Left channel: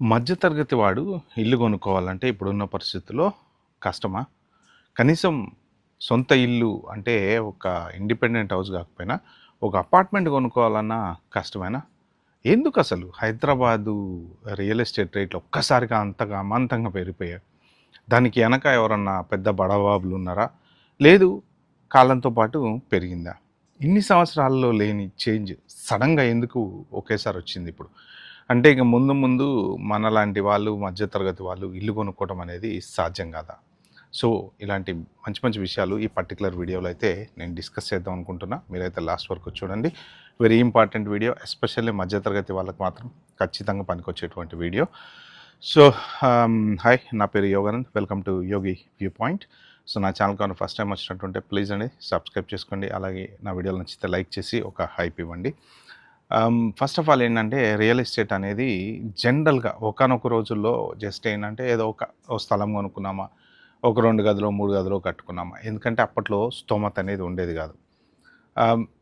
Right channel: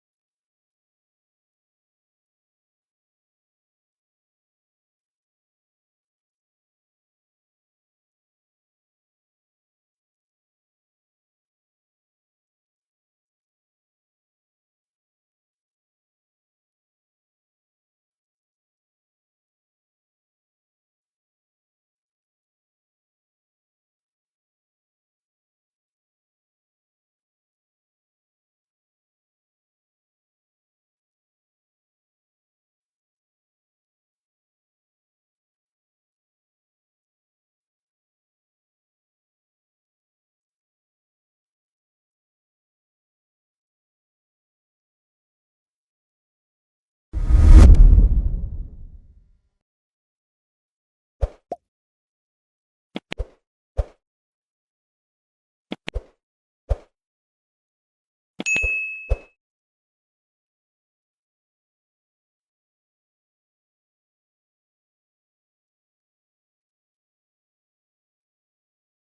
మధ్యతరగతి వాడు ఇల్లు కొనుక్కోవాలంటే ఇప్పుడున్న పరిస్థితుల్లో కష్టమా? కనీసం సొంత ఇల్లు అంటే ఒక ఇండిపెండెంట్ హౌస్ కాకపోయినా, ఒక అపార్ట్మెంట్ కొనుక్కోవాలన్నా కష్టమేనా? ఎందుకసలు హైదరాబాదు రియల్ ఎస్టేట్ రేట్లు ఒక్కసారిగా అంతగా అమాంతంగా పెరిగిపోయాయి? దానికి ఎనక ఎవరన్నా పెద్ద బడబాబులున్నారా? లేదు కాలంతో పాటు పెరిగిందా? ఇన్ని సంవత్సరాల్లో లేని చేంజ్ సడెన్‌గా ఎందుకు ఒకేసారి వచ్చిందిప్పుడు? అంటే ఇక ముందు ముందు మనలాంటి వాళ్ళు, మధ్య తరగతి వాళ్ళు ఇల్లు కొనుక్కోవడం అనేది సాధ్యం కాదా? సో, ఇలాంటి మంచి మంచి విషయాలు ఈ పర్టిక్యులర్ వీడియోలో అయితే నేను డిస్కస్ చేద్దాం అనుకుంటున్నా. మీరైతే లాస్ట్ వరకు చూడండి. Very important video. ఎస్పెషల్లీ మధ్య తరగతి వాళ్ళకి మాత్రం ఖచ్చితంగా పనికొచ్చేటువంటి వీడియో. సో, హాయ్, నా పేరు Yoganand. Welcome to Yogi view point. So, నా ఛానల్‌కి ఏమైనా ఫస్ట్ టైమ్ వచ్చినట్టుంటే ప్లీజ్ అండి సబ్స్క్రైబ్ చేసుకోండి. అలాగే నా వీడియోలు నచ్చితే లైక్ చేసి ఒక హైప్ ఇవ్వండి. ఫస్ట్ ఆఫ్ ఆల్ ఏంటంటే రియల్ ఎస్టేట్ అనేది జనరల్‌గా ఒకానొక రోజుల్లో జస్ట్ ఏంటంటే ఏదో ఓ స్థలం కొనుక్కున్నామా, ఒక 2 గదులో, 3 గదులో కట్టుకున్నామా. ఎందుకంటే అప్పట్లో స్తోమత అనేది ఉండేది కాదు.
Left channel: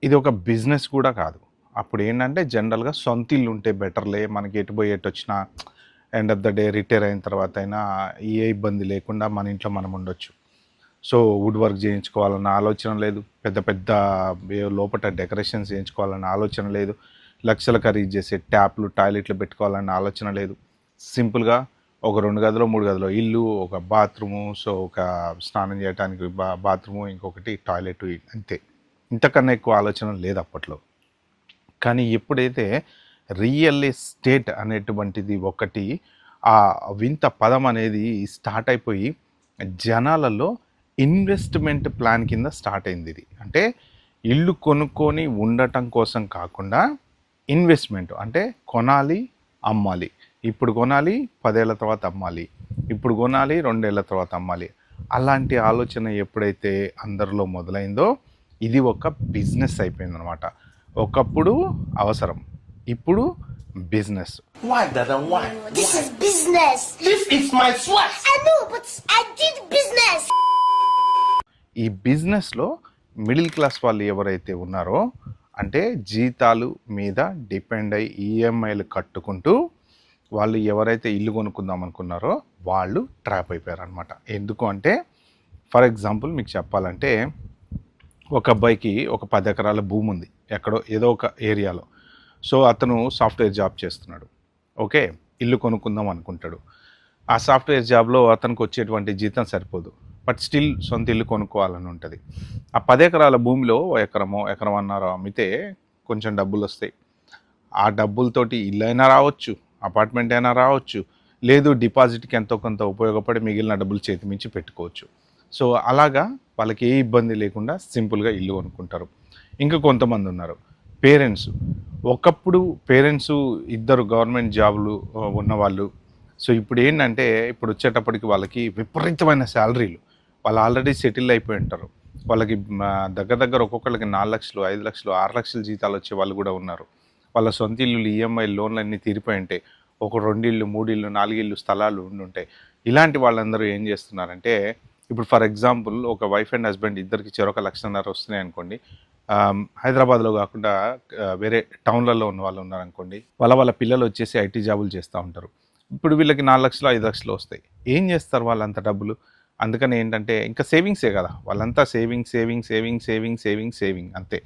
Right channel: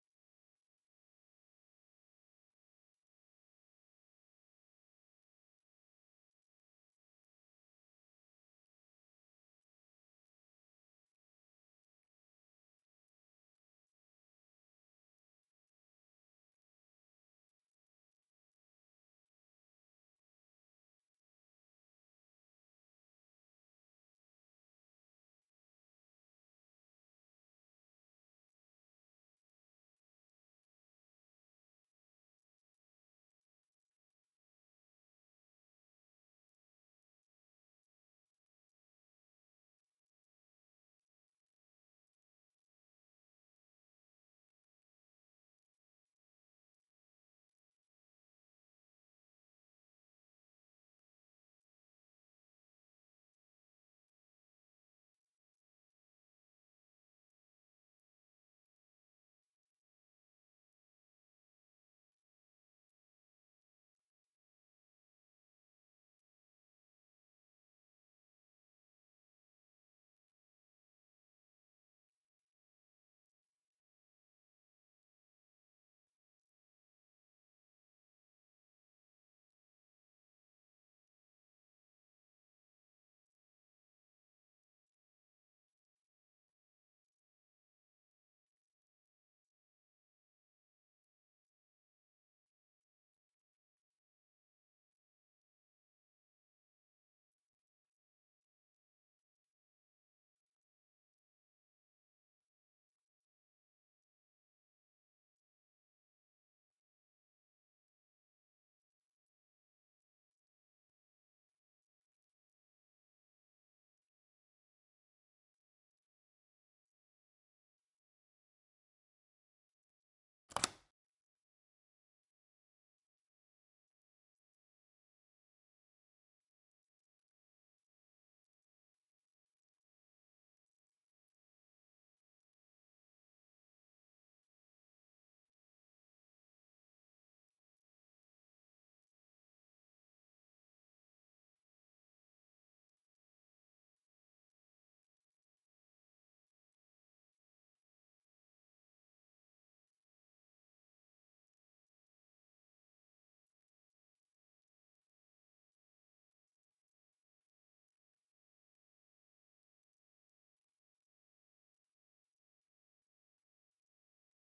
ఇది ఒక బిజినెస్ కూడా కాదు. అప్పుడేంటంటే జనరల్‌గా సొంత ఇల్లు ఉంటే బెటర్‌లే, మనకి ఎటు పోయి ఎటొచ్చినా end of the day retire అయిన తర్వాత అయినా ఏ ఇబ్బంది లేకుండా మన ఇంట్లో మనం ఉండొచ్చు. సో, వుడ్ వర్క్ చేయించుకోవాలన్న ఆలోచన లేదు. పెద్ద పెద్ద లోపట డెకరేషన్స్ చేయించుకోవాలన్న ఆలోచన లేదు. లక్షలు ఖరీదు చేసే ట్యాప్‌లు, టాయిలెట్లు పెట్టుకోవాలన్న ఆలోచన లేదు. సింపుల్‌గా ఒక 2 గదులో, 3 గదులో ఇల్లు, ఒక బాత్రూము, సో, ఒక స్నానం చేయటానికి బాత్రూము, ఇంకొకటి టాయిలెట్ అంతే. ఇంతకన్నా ఎక్కువ ఆలోచన లేదు అప్పట్లో. కానీ ఎప్పుడైతే రియల్ ఎస్టేట్ అనేటువంటిది ఒకటి ఆ వింత పదం అనేది స్టార్ట్ అయిపోయి జనాలలో ఇన్వెస్ట్మెంట్ ప్లాన్ కింద స్టార్ట్ అయింది ఇది. అంటే ఇల్లు కొనుక్కొని ఉండటం కోసం కాకుండా ఇన్వెస్ట్మెంట్ అంటే కొనాలి, అమ్మాలి. ఇప్పుడు కొనాలి, 10 ఏళ్ల తర్వాత అమ్మాలి. ఇప్పుడు కొనాలి, 2 ఏళ్ల తర్వాత అమ్మాలి. అలాంటి ఆలోచన ఎప్పుడైతే అందరిలో మొదలైందో ఇది ఒక బిజినెస్ అయిపోయిందనమాట. ఒకప్పుడు అవసరం, ఇప్పుడు business. Why, Dada? Why? This is business. This is my sweat. I know, but I did business. ఈ బిజినెస్లో మిడిల్ క్లాస్ వాళ్ళు ఎవరైతే ఉన్నారో, అంటే జీతాలు మీద డిపెండ్ అయ్యి ఈఎంఐలు కట్టుకుంటూ వాళ్ళు ఎవరైతే ఇల్లు కొనుక్కుందాం అనుకున్నారో వాళ్ళు ట్రాప్ అయిపోయారనమాట. ఎందుకు అంటే ఫర్ ఎగ్జాంపుల్ మీకు చెప్పాలంటే ఒక అబ్బాయికి ఒక 10 ఎకరాల భూమి ఉంది ఎక్కడో ఏదో ఒక ఏరియాలో. సో, అతను సాఫ్ట్వేర్ జాబ్ చేస్తున్నాడు. ఓకే, ఇల్లు కొనుక్కుందాం అనుకుంటాడు. ఆ సాఫ్ట్వేర్ జాబ్లో అతనికి వచ్చేటువంటి జీతం సరిపోదు. బట్ స్టిల్ సొంత ఇల్లు కొనుక్కోవాలని ఉంటుంది. ఆ 10 ఎకరాల భూమిలో ఎకరమన్నారో అమ్మితే కొంచెం డబ్బులు వస్తాయి. ఆ డబ్బులతోటి ఇల్లు అయినా రావచ్చు, అపార్ట్మెంట్ అయినా రావచ్చు, లేదు డిపాజిట్కి ఎంతో కొంత ఉపయోగపడి మిగిలిన డబ్బులు చేతి మించి పెట్టుకోవచ్చు. సో, అలాగా వాళ్ళకి ఏ ఇబ్బంది లేకుండా సింపుల్గా ఇల్లు కొనుక్కుంటారు. ఇంకా కొంతమంది ఉన్నారు పేరెంట్స్. ఒకప్పుడు పేరెంట్స్ ఇద్దరు గవర్నమెంట్ జాబులు ఉన్నవాళ్ళు. సో, ఇప్పుడు ఏంటంటే ఇప్పుడు వచ్చేటప్పటికి వాళ్ళకి విపరీతమైన శాలరీలు. వాళ్ళు ఆల్రెడీ సెటిల్ అయిపోయి ఉంటారు. వాళ్ళకి దగ్గర ఒక్కొక్కళ్ళకి 4 లక్షలు, 5 లక్షలు, 6 లక్షల జీతాలు వచ్చే వాళ్ళు కూడా ఉన్నారు. వాళ్ళ సొంత ఇల్లులు, ఈఎంఐ లోన్లు అన్నీ తీరిపోయి ఉంటాయి. ఒక 2 ఇళ్ళు, 3 ఇళ్ళు, 4 ఇళ్ళు స్థలాలు ఉండుంటాయి. ఇలాంటి వాళ్ళందరూ ఏం చేస్తున్నారంటే ఇప్పుడు ఫర్ ఎగ్జాంపుల్ ఒక వైఫ్ అండ్ హస్బెండ్ ఇద్దరికి చెరొక 1,50,000 వస్తున్నాయి అనుకోండి. హైదరాబాద్లో కాకుండా వేరే టౌన్లలో ఉన్న వాళ్ళు ఉన్నారనుకోండి. వాళ్ళ పిల్లలు వచ్చేసి ఐటీ జాబులు చేస్తూ ఉంటారు. ఇప్పుడు వీళ్ళకి 4 లక్షలు, 5 లక్షలు వస్తాయి. ఏం చేస్తారు వాళ్ళంత డబ్బులు? అందుకని ఏంటంటే ఇంకా సేవింగ్సే కదా, వాళ్ళంతా సేవింగ్ అంతే.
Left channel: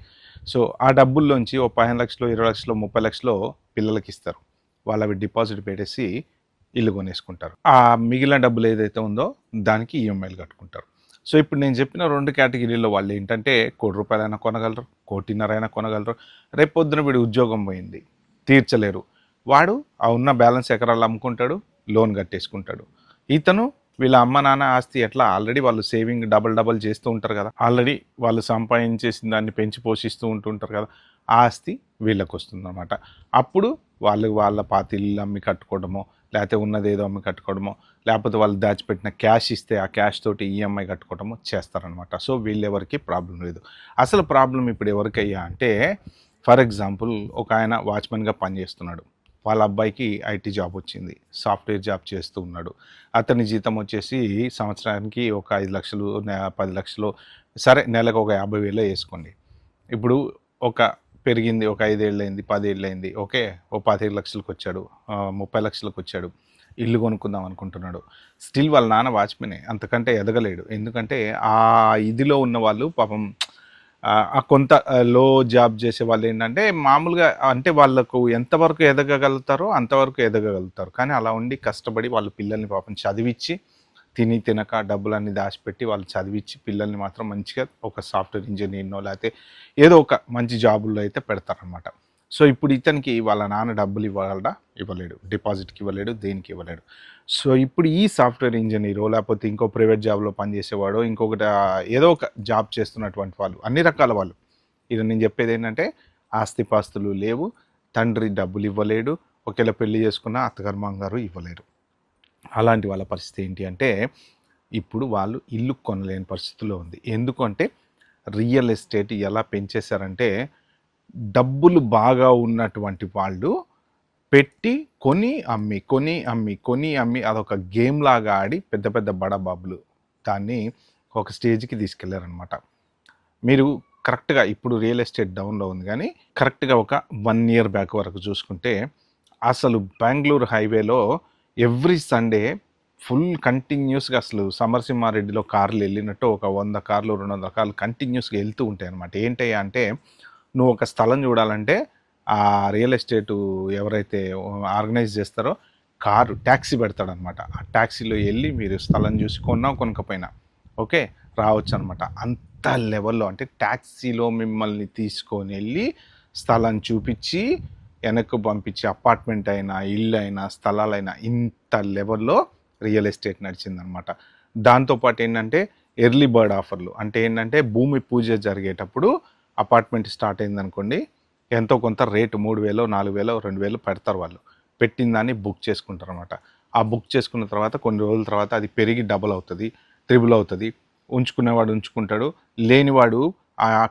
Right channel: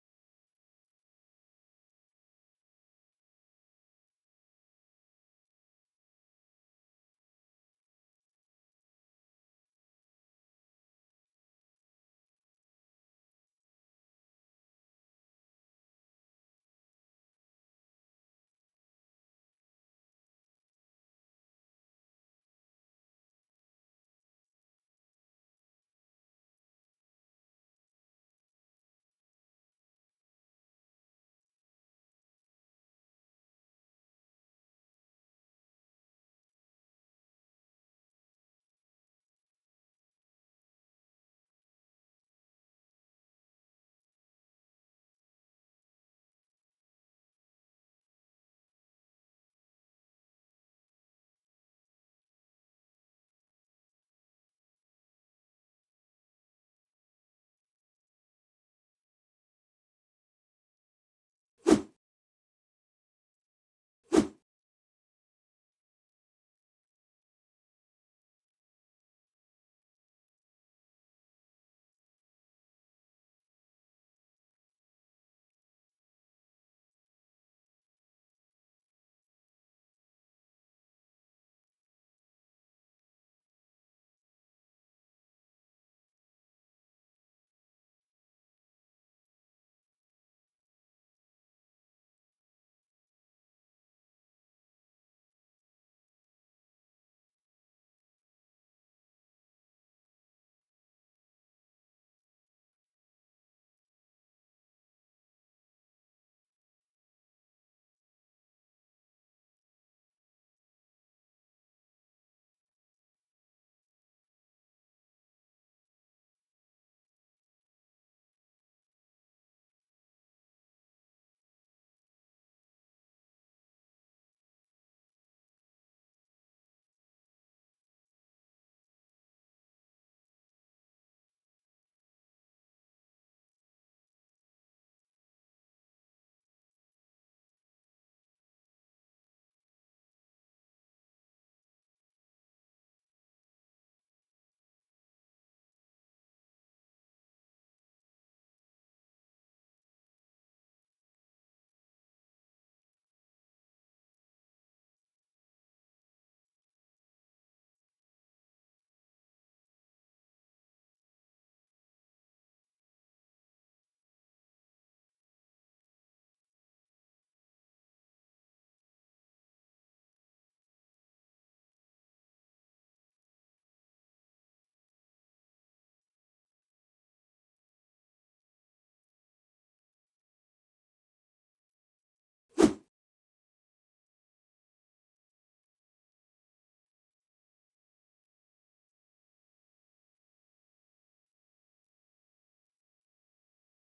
సో, ఆ డబ్బుల్లోంచి ఓ 15 లక్షలు, 20 లక్షలు, 30 లక్షలు పిల్లలకి ఇస్తారు. వాళ్ళు అవి డిపాజిట్ పెట్టేసి ఇల్లు కొనేసుకుంటారు. ఆ మిగిలిన డబ్బులు ఏదైతే ఉందో దానికి ఈఎంఐలు కట్టుకుంటారు. సో, ఇప్పుడు నేను చెప్పిన 2 కేటగిరీలో వాళ్ళు ఏంటంటే ₹1,00,00,000 అయినా కొనగలరు, 1,50,00,000 అయినా కొనగలరు. రేపు పొద్దున వీడి ఉద్యోగం పోయింది, తీర్చలేరు. వాడు ఆ ఉన్న బ్యాలెన్స్ ఎకరాలు అమ్ముకుంటాడు, లోన్ కట్టేసుకుంటాడు. ఇతను వీళ్ళ అమ్మ నాన్న ఆస్తి ఎట్లా ఆల్రెడీ వాళ్ళు సేవింగ్ డబల్ చేస్తూ ఉంటారు కదా, ఆల్రెడీ వాళ్ళు సంపాదించేసిన దాన్ని పెంచి పోషిస్తూ ఉంటుంటారు కదా, ఆ ఆస్తి వీళ్ళకి వస్తుందన్నమాట. అప్పుడు వాళ్ళ పాత ఇల్లు అమ్మి కట్టుకోవడమో, లేకపోతే ఉన్నది ఏదో అమ్మి కట్టుకోవడమో, లేకపోతే వాళ్ళు దాచిపెట్టిన క్యాష్ ఇస్తే ఆ క్యాష్ తోటి ఈఎంఐ కట్టుకోవడమో చేస్తారనమాట. సో, వీళ్ళెవరికి ప్రాబ్లం లేదు. అసలు ప్రాబ్లం ఇప్పుడు ఎవరికయ్యా అంటే ఫర్ ఎగ్జాంపుల్ ఒక ఆయన వాచ్మెన్గా పనిచేస్తున్నాడు. వాళ్ళ అబ్బాయికి ఐటీ జాబ్ వచ్చింది, సాఫ్ట్వేర్ జాబ్ చేస్తూ ఉన్నాడు. అతని జీతం వచ్చేసి సంవత్సరానికి ఒక 5 లక్షలు, 10 లక్షలు, సరే నెలకు ఒక 50,000 వేసుకోండి. ఇప్పుడు ఒక పెరిగింది ఒక 5 ఏళ్ళయింది, 10 ఏళ్ళయింది. ఓకే. ఓ 25 లక్షలకి వచ్చాడు. 30 లక్షలకి వచ్చాడు. ఇల్లు కొనుక్కుందాం అనుకుంటున్నాడు. స్టిల్ వాళ్ళ నాన్న వాచ్‌మెనే. అంతకంటే ఎదగలేడు. ఎందుకంటే ఆ ఇదిలో ఉన్నవాళ్ళు పాపం ఆ కొంత లో జాబ్ చేసేవాళ్ళేంటంటే మామూలుగా అంటే వాళ్ళకు ఎంతవరకు ఎదగగలుగుతారో అంతవరకు ఎదగగలుగుతారు. కానీ అలా ఉండి కష్టపడి వాళ్ళ పిల్లల్ని పాపం చదివిచ్చి తిని తినక డబ్బులన్నీ దాచిపెట్టి వాళ్ళు చదివిచ్చి పిల్లల్ని మాత్రం మంచిగా ఒక సాఫ్ట్‌వేర్ ఇంజినీర్‌నో లేతే ఏదో ఒక మంచి జాబుల్లో అయితే పెడతారనమాట. సో, ఇప్పుడు ఇతనికి వాళ్ళ నాన్న డబ్బులు ఇవ్వగలడా? ఇవ్వలేడు. డిపాజిట్‌కి ఇవ్వలేడు. దేనికి ఇవ్వలేడు. సో, ఇప్పుడు ఈ సాఫ్ట్‌వేర్ ఇంజినీరో లేకపోతే ఇంకో ప్రైవేట్ జాబ్‌లో పనిచేసేవాడో ఇంకొకటి ఏదో ఒక జాబ్ చేస్తున్నటువంటి వాళ్ళు అన్ని రకాల వాళ్ళు. ఇది నేను చెప్పేదేంటంటే ఆస్తిపాస్తులు లేవు. తండ్రి డబ్బులు ఇవ్వలేడు. ఒకవేళ పెళ్లి చేసుకున్న అత్తగారు, మామగారు ఇవ్వలేరు. అలాంటి వాళ్ళ పరిస్థితి ఏంటి అంటే ఇప్పుడు వాళ్ళు ఇల్లు కొనలేని పరిస్థితిలో ఉంది. ఎందుకంటే రియల్ ఎస్టేట్ ఎలా పెంచేశారంటే డబ్బులు బాగా ఉన్నటువంటి వాళ్ళు పెట్టి కొని అమ్మి, కొని అమ్మి, కొని అమ్మి అదొక గేమ్ లాగా ఆడి పెద్ద పెద్ద బడాబాబులు దాన్ని ఒక స్టేజ్‌కి తీసుకెళ్లారనమాట. మీరు కరెక్ట్‌గా ఇప్పుడు రియల్ ఎస్టేట్ డౌన్‌లో ఉంది గానీ కరెక్ట్‌గా ఒక 1 ఇయర్ బ్యాక్ వరకు చూసుకుంటే అసలు బెంగుళూరు హైవేలో ఎవ్రీ సండే ఫుల్ కంటిన్యూస్‌గా అసలు సమరసింహారెడ్డిలో కార్లు వెళ్ళినట్టు ఒక 100 కార్లు, 200 కార్లు కంటిన్యూస్‌గా వెళ్తూ ఉంటాయన్నమాట. ఏంటయ్యా అంటే నువ్వు ఒక స్థలం చూడాలంటే ఆ రియల్ ఎస్టేటు ఎవరైతే ఆర్గనైజ్ చేస్తారో టాక్సీ పెడతాడనమాట. ఆ టాక్సీలో వెళ్ళి మీరు స్థలం చూసి కొన్నా కొనకపోయినా ఓకే రావచ్చనమాట. అంత లెవెల్‌లో అంటే టాక్సీలో మిమ్మల్ని తీసుకొని వెళ్ళి స్థలం చూపించి వెనక్కు పంపించి అపార్ట్మెంట్ అయినా, ఇల్లు అయినా, స్థలాలైనా ఇంత లెవెల్‌లో రియల్ ఎస్టేట్ నడిచిందనమాట. దాంతోపాటు ఏంటంటే ఎర్లీ బర్డ్ ఆఫర్లు. అంటే ఏంటంటే భూమి పూజ జరిగేటప్పుడు అపార్ట్మెంట్ స్టార్ట్ అయిందనుకోండి ఎంతో కొంత రేటు 3000, 4000, 2000 పెడతారు వాళ్ళు. పెట్టిన దాన్ని బుక్ చేసుకుంటారనమాట. ఆ బుక్ చేసుకున్న తర్వాత కొన్ని రోజుల తర్వాత అది పెరిగి డబుల్ అవుతుంది, త్రిబుల్ అవుతుంది. ఉంచుకునేవాడు ఉంచుకుంటాడు. లేనివాడు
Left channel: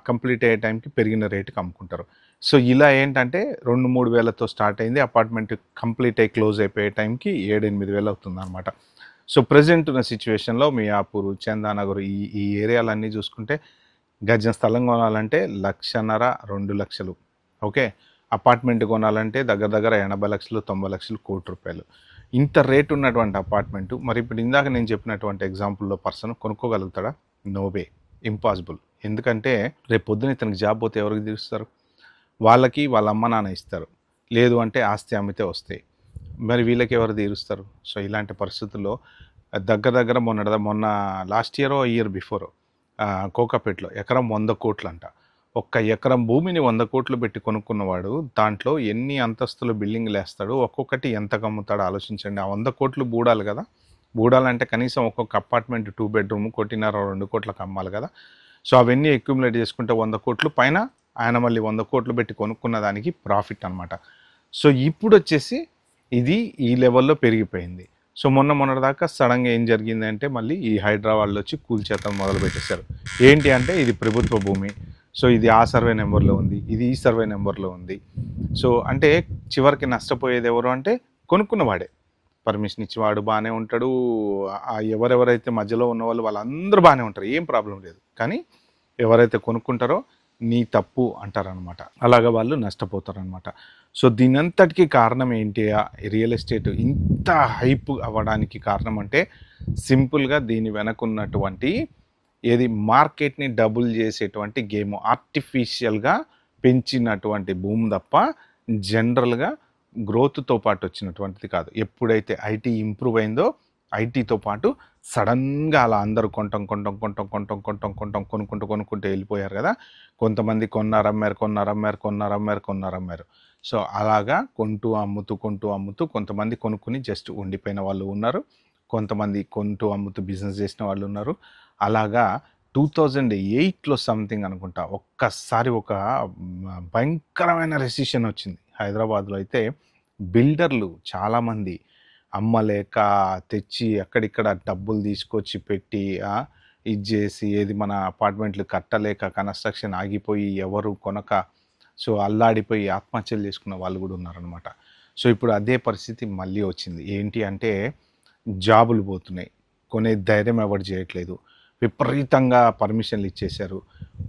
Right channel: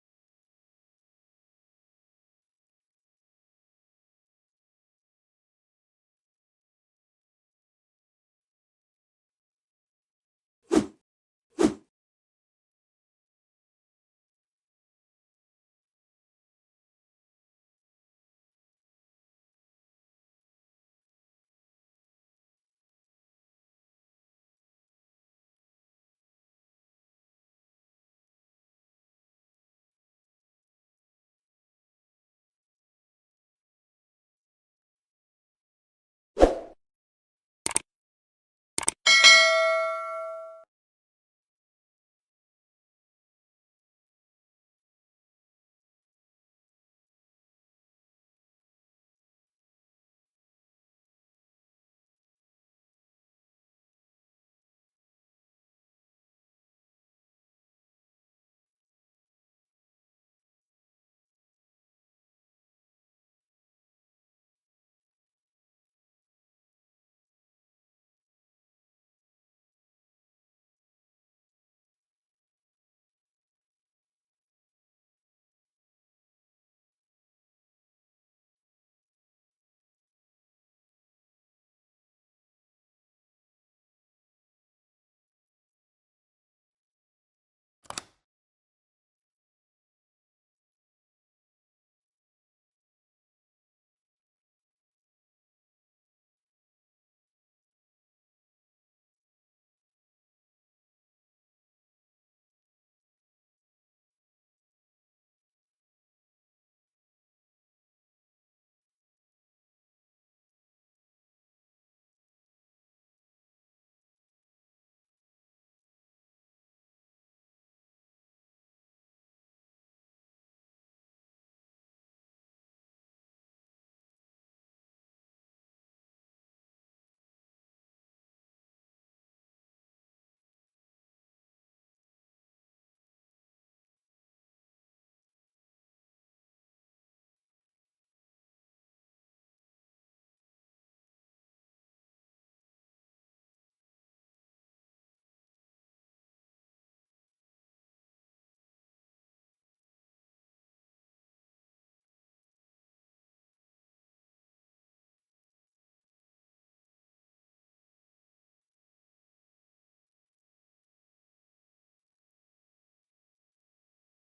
కంప్లీట్ అయ్యే టైంకి పెరిగిన రేటుకి అమ్ముకుంటారు. సో, ఇలా ఏంటంటే 2, 3 వేలతో స్టార్ట్ అయింది. అపార్ట్మెంట్ కంప్లీట్ అయ్యి క్లోజ్ అయిపోయే టైంకి 7, 8 వేలు అవుతుందనమాట. సో, ప్రెజెంట్ ఉన్న సిచ్యువేషన్‌లో మియాపూర్, చందానగర్ ఈ ఏరియాలన్నీ చూసుకుంటే గజం స్థలం కొనాలంటే 1,50,000, 2,00,000 ఓకే. అపార్ట్మెంట్ కొనాలంటే దగ్గర దగ్గర 80 లక్షలు, 90 లక్షలు, ₹1,00,00,000. ఇంత రేట్ ఉన్నటువంటి అపార్ట్మెంటు మరి ఇప్పుడు ఇందాక నేను చెప్పినటువంటి ఎగ్జాంపుల్‌లో పర్సన్ కొనుక్కోగలుగుతాడా? No way. ఇంపాసిబుల్. ఎందుకంటే రేపు పొద్దున ఇతనికి జాబ్ పోతే ఎవరికి తీరుస్తారు? వాళ్ళకి వాళ్ళ అమ్మ నాన్న ఇస్తారు. లేదు అంటే ఆస్తి అమ్మితే వస్తాయి. మరి వీళ్ళకి ఎవరు తీరుస్తారు? సో, ఇలాంటి పరిస్థితుల్లో దగ్గర దగ్గర మొన్న లాస్ట్ ఇయరో, ఇయర్ బిఫోరో కోకాపేటలో ఎకరం 100 కోట్లంట. ఒక్క ఎకరం భూమిని 100 కోట్లు పెట్టి కొనుక్కున్నవాడు దాంట్లో ఎన్ని అంతస్తుల బిల్డింగ్‌లేస్తాడు? ఒక్కొక్కటి ఎంతకు అమ్ముతాడో ఆలోచించండి. ఆ 100 కోట్లు బూడాలి కదా! బూడాలంటే కనీసం ఒక్కొక్క అపార్ట్మెంట్ 2 బెడ్‌రూమ్ 1,50,000, 2 కోట్లకు అమ్మాలి కదా! సో, అవన్నీ అక్యుములేట్ చేసుకుంటే 100 కోట్లు పైన ఆయన మళ్ళీ 100 కోట్లు పెట్టి కొనుక్కున్న దానికి ప్రాఫిట్ అనమాట. సో, ఇప్పుడొచ్చేసి ఇది ఈ లెవెల్‌లో పెరిగిపోయింది. సో, మొన్నటిదాకా సడెన్‌గా ఏం జరిగిందంటే మళ్ళీ ఈ హైడ్రా వాళ్ళొచ్చి కూల్చేతలు మొదలుపెట్టేశారు. ఏంటి అంటే ఇది ప్రభుత్వ భూమి. సో, ఇది ఆ సర్వే నంబర్‌లో ఉంది. ఇది ఈ సర్వే నంబర్‌లో ఉంది. సో, అంటే చివరికి నష్టపోయేది ఎవరు అంటే కొనుక్కున్నవాడే. పర్మిషన్ ఇచ్చేవాడు బానే ఉంటాడు. ఎవరెవరైతే మధ్యలో ఉన్నవాళ్ళు వాళ్ళందరూ బానే ఉంటారు. ఏం ప్రాబ్లమ్ లేదు. కానీ ఎవరైతే కొనుక్కుంటారో నీ తప్పు అంటారనమాట. అలాగా వాళ్ళు నష్టపోతారనమాట. సో, దీనంతటికి కారణం ఏంటి? రియల్ ఎస్టేట్ ఇంత హైప్ అవ్వడానికి కారణం అంటే సింపుల్‌గా దీని వెనకున్నటువంటి మార్కెట్‌ని డబుల్ చేసేటువంటి గేమ్. ఆర్టిఫిషియల్‌గా పెంచినటువంటి భూమి తప్ప జనరల్‌గా గ్రోత్‌తో పాటు వచ్చినటువంటిది కాదు. ఎప్పుడైతే ఐటీ ఇంప్రూవ్ అయిందో ఐటీతో పాటు సడన్‌గా అలా అందరూ కొనుక్కుంటూ వెళ్ళిపోయారు కదా! కొంతమంది కొన్నారు, అమ్మారు. సో, అలాగా కొంటూ అమ్ముతూ కొంతమంది కొనుక్కొని జస్ట్ ఉండిపోయిన వాళ్ళు ఉన్నారు. కొంతమంది కొంటూ అమ్ముతూ బిజినెస్ చేసిన వాళ్ళు ఉన్నారు. అలాగా 2008లో సంథింగ్ అనుకుంటా ఒక్కసారి ఒక భయంకరమైన రెసిషన్ వచ్చింది. హైదరాబాద్‌లో అయితే బిల్డర్లు చాలామంది అమ్మలేక తెచ్చి అక్కడిక్కడ డబ్బులు తీసుకొచ్చి పెట్టి ఇది చేసి మన అపార్ట్మెంట్లు కట్టలేక కన్‌స్ట్రక్షన్ ఆగిపోయి ఎవరు కొనక సో, అల్లాడిపోయి ఆత్మహత్యలు చేసుకున్న వాళ్ళు కూడా ఉన్నారనమాట. సో, ఇప్పుడు అదే పరిస్థితి మళ్ళీ వచ్చింది. ఏంటి అంటే జాబులు పోతున్నాయి. కొనే ధైర్యం ఎవరు చేయట్లేదు. విపరీతంగా పర్మిషన్లు ఇచ్చేశారు.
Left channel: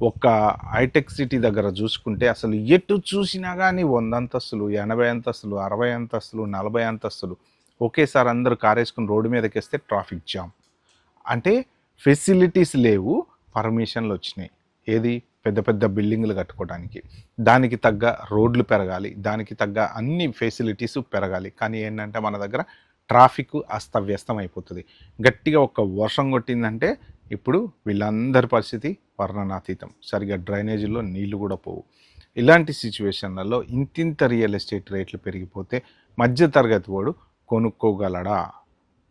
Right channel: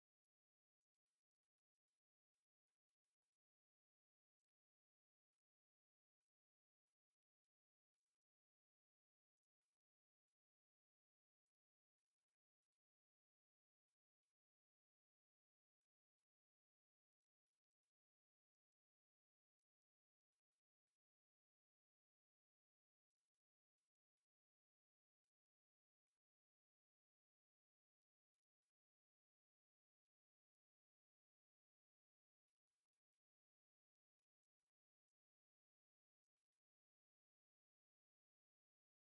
ఒక హైటెక్ సిటీ దగ్గర చూసుకుంటే అసలు ఎటు చూసినా కానీ 100 అంతస్తులు, 80 అంతస్తులు, 60 అంతస్తులు, 40 అంతస్తులు ఒకేసారి అందరూ కారేసుకుని రోడ్డు మీదకేస్తే ట్రాఫిక్ జామ్. అంటే ఫెసిలిటీస్ లేవు, పర్మిషన్లు వచ్చినాయి. ఏది పెద్ద పెద్ద బిల్డింగులు కట్టుకోవడానికి. దానికి తగ్గ రోడ్లు పెరగాలి, దానికి తగ్గ అన్ని ఫెసిలిటీస్ పెరగాలి. కానీ ఏంటంటే మన దగ్గర ట్రాఫిక్ అస్తవ్యస్తం అయిపోతుంది. గట్టిగా ఒక వర్షం కొట్టిందంటే ఇప్పుడు వీళ్ళందరి పరిస్థితి వర్ణనాతీతం. సరిగ్గా డ్రైనేజీల్లో నీళ్లు కూడా పోవు. ఇలాంటి సిచ్యువేషన్లలో ఇంతింత రియల్ ఎస్టేట్ రేట్లు పెరిగిపోతే మధ్యతరగతి వాడు కొనుక్కోగలడా?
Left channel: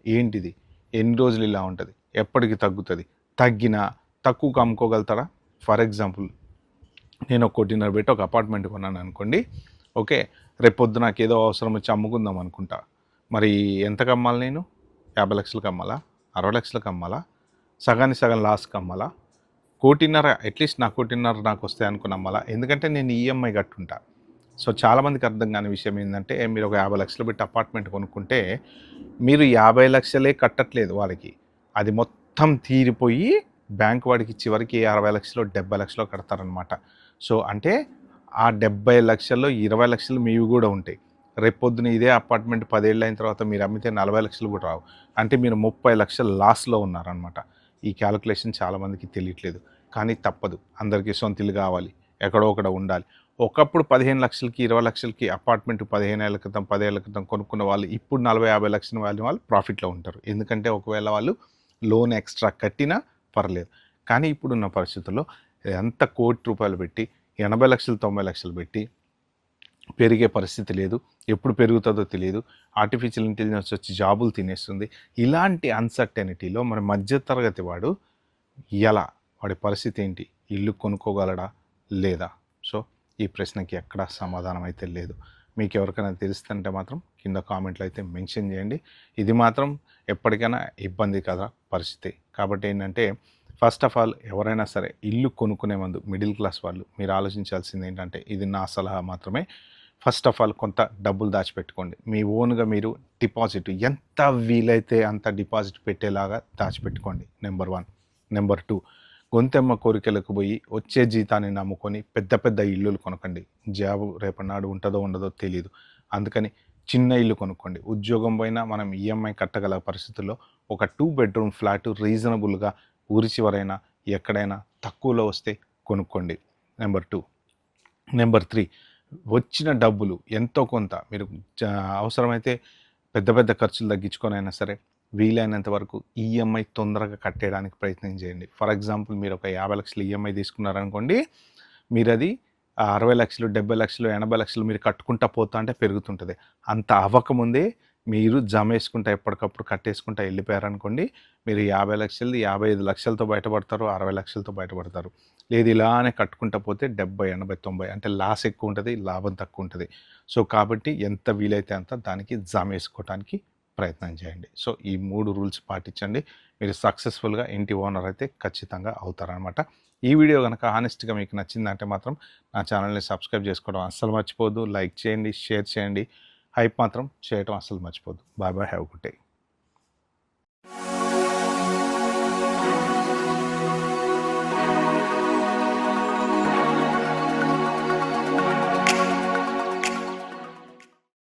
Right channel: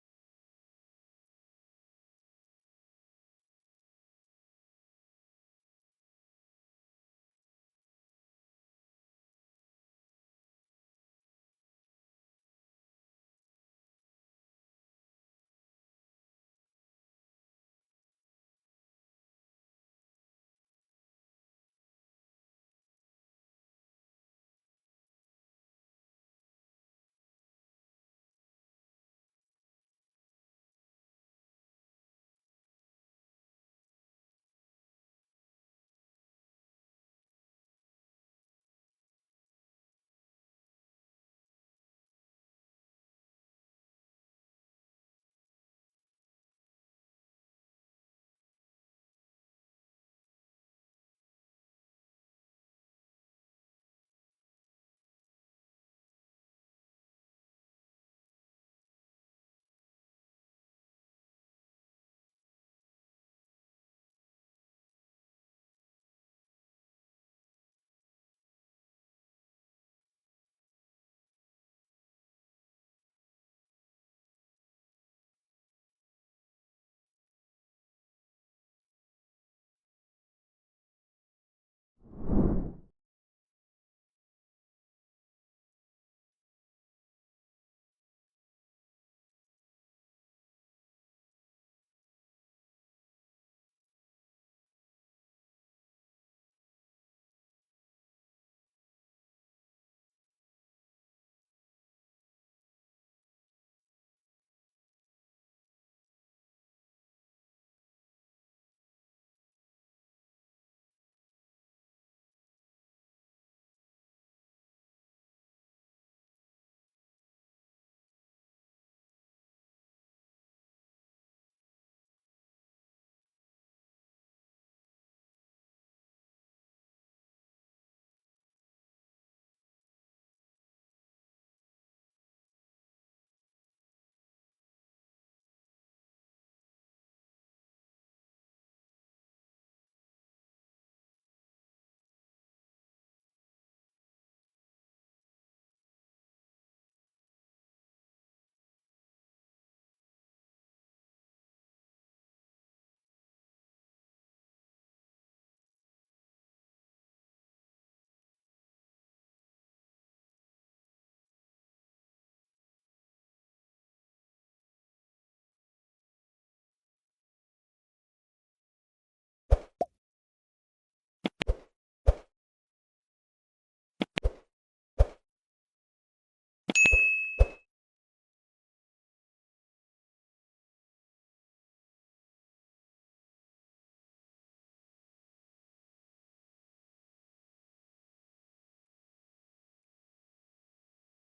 ఏంటిది? ఎన్ని రోజులు ఇలా ఉంటుంది? ఎప్పటికి తగ్గుతుంది? తగ్గినా తక్కువకు అమ్ముకోగలుగుతాడా? ఫర్ ఎగ్జాంపుల్ నేను ఒక 1.5 పెట్టి ఒక అపార్ట్మెంట్ కొన్నాను అనుకోండి. ఓకే, రేపొద్దు నాకు ఏదో అవసరం వచ్చి అమ్ముకుందాం అనుకుంటా. మరి ఎంతకు అమ్మాలి నేను? 50 లక్షలకు అమ్మాలా? 60 లక్షలకు అమ్మాలా? సగానికి సగం లాస్కి అమ్మాలా? 1.5 అట్లీస్ట్ నాకు 1.5 నాకు వస్తాయి అనుకుని అమ్మాలా? ఎందుకంటే నేను ఈఎంఐ కట్టుంటా. సో చాలామందికి అర్థం కాని విషయం ఏంటంటే మీరు ఒక 50 లక్షలు పెట్టి అపార్ట్మెంట్ కొనుక్కుంటే మీరు 50 లక్షలే కట్టట్లేదు వాళ్ళకి. అది మొత్తం తీరిపోయి బ్యాంక్ వాడికి చివరికి 60 లక్షలు 70 లక్షలు కడతారనమాట. సో అంటే ఆ 70 లక్షల్లో 20 లక్షలు మీవి కూడా ఉంటాయి. రేపొద్దున ఇదే అపార్ట్మెంట్ 10 ఏళ్ళు అయిన తర్వాత మీరు అమ్మితే 40 లక్షలు కూడా రావు. అంటే మీరు 30 లక్షలు లాస్లో ఉన్నారనమాట. ఈ క్యాలిక్యులేషన్ చాలామందికి తెలియట్లేదు. కానీ తప్పదు, అందరికీ సొంత ఇల్లు కావాలి, ఎక్కడో ఒకడ ఉండాలి. ఒకప్పుడు 15 లక్షలకి 20 లక్షలకి అపార్ట్మెంట్ 15 ఏళ్ళ క్రితం 10 ఏళ్ళ క్రితం కొనుక్కున్న వాళ్ళు ఇప్పుడు 40-50 లక్షల వాళ్ళు ప్రాఫిట్లో ఉంటారు. ఎందుకంటే ఒకవేళ వాళ్ళు లోన్ ఎక్స్ట్రా కట్టినా పర్లేదు. కానీ ఇప్పుడున్న పరిస్థితుల్లో ఎంత ₹1,00,00,000 పెట్టి 80 లక్షలు 90 లక్షలు పెట్టి పెరిగే పరిస్థితి లేదు. ఎప్పుడు పెరుగుతుందో తెలియదు. ఆర్టిఫిషియల్ ఇంటెలిజెన్స్ వచ్చి జాబులు తినేస్తుంది. ఇలాంటి అన్సర్టెనిటీలో మన మధ్యతరగతి వాడు ఎలా, వాడి పరిస్థితి ఏంటి? ఇల్లు కొనుక్కోగలడా లేదా? సో ఈ ప్రశ్నకి ఎక్కడా సమాధానం అయితే లేదు. మీకు ఎవరికైనా తెలుస్తుంటే మాత్రం కింద కామెంట్లో అయితే మెన్షన్ చేయండి. ఇది మాత్రం ఎప్పటికైనా ఇబ్బంది కదా పరిస్థితి. కాబట్టి ఏంటంటే ఫస్ట్ ఆఫ్ ఆల్ ఎవరైనా సరే ఇల్లు కొనుక్కునే ముందు మిడిల్ క్లాస్ వాళ్ళు మీరు ఆలోచించాల్సింది ఏంటంటే, ఇది నా సలహా మాత్రమే, ఫస్ట్ ఆఫ్ ఆల్ కొంత డబ్బులు దాచిపెట్టుకోండి. మీ ఓన్గా మీరు డిపాజిట్ ఎంత వీలైతే అంత డిపాజిట్ పెట్టేలాగా దాచిపెట్టుకోండి. నెంబర్ 1. నెంబర్ 2, గొంతెమ్మ కోరికలకు పోయి వచ్చే జీతాన్ని నమ్ముకొని పెద్ద పెద్ద ఇల్లులు కొనకండి. జాబు రేపటినాడు ఉంటుందో ఉండదో తెలియదు. అందుకని చిన్న ఇల్లు కొనుక్కోండి. ఉద్యోగం పోయినా మనం ఈఎంఐ కట్టగల పరిస్థితుల్లో ఒక 2 బెడ్రూమ్ ఫ్లాట్ రీజనబుల్గా ఊరి చివరైనా ఎక్కడైనా తక్కువలో వస్తే కొనుక్కోండి. నెంబర్ 2. నెంబర్ 3, వచ్చిన డబ్బులు ఎంతో కొంత మీరు అవసరమైతే పెద్ద పెద్ద ఖర్చులు తగ్గించుకొని అయినా సరే వీలైనంత వరకు ఈఎంఐ తొందరగా కట్టేయడానికి ప్రయత్నం చేయండి. ఫర్ ఎగ్జాంపుల్ మీరు ఒక 50 లక్షలు ఈఎంఐ తీసుకున్నారనుకోండి, మీరు అది 60 లక్షలు 70 లక్షలు 80 లక్షలు మీరు కట్టుకుంటా పోతా అంటే పెరుగుతుంటుంది. అంత అవ్వకముందే మీరు జమ వేసుకుంటా ఎప్పటికప్పుడు కట్టేసుకుంటా వెళ్ళిపోయారనుకోండి, మీరు 50 లక్షలది 55 లక్షలతో బయటపడతారు, 60 లక్షలతో బయటపడతారు. లేదు ఇలానే కట్టుకుంటా పోతే 70, 80, 90 అంటే లాస్ ఎక్కువ ఉంటుంది, లాభం తక్కువ ఉంటుంది. సో కాబట్టి ఎంత వీలైతే అంత దానికి జమ వేసుకోవడానికి ప్రయత్నం చేయండి. సో ఈ 3 రూల్స్ పాటించండి. మీరు సక్సెస్ఫుల్గా ఇంటి ఓనర్ అయితే ఖచ్చితంగా అవుతారనమాట. ఈ వీడియో కనుక హానెస్ట్గా మీకు నచ్చిందంటే మాత్రం నా ఛానల్ని సబ్స్క్రైబ్ చేసుకోవడం అస్సలు మర్చిపోవద్దు. లైక్ చేయండి, షేర్ చేయండి, హైప్ మాత్రం చేయడం అస్సలు మర్చిపోవద్దు. Bye bye, have good day.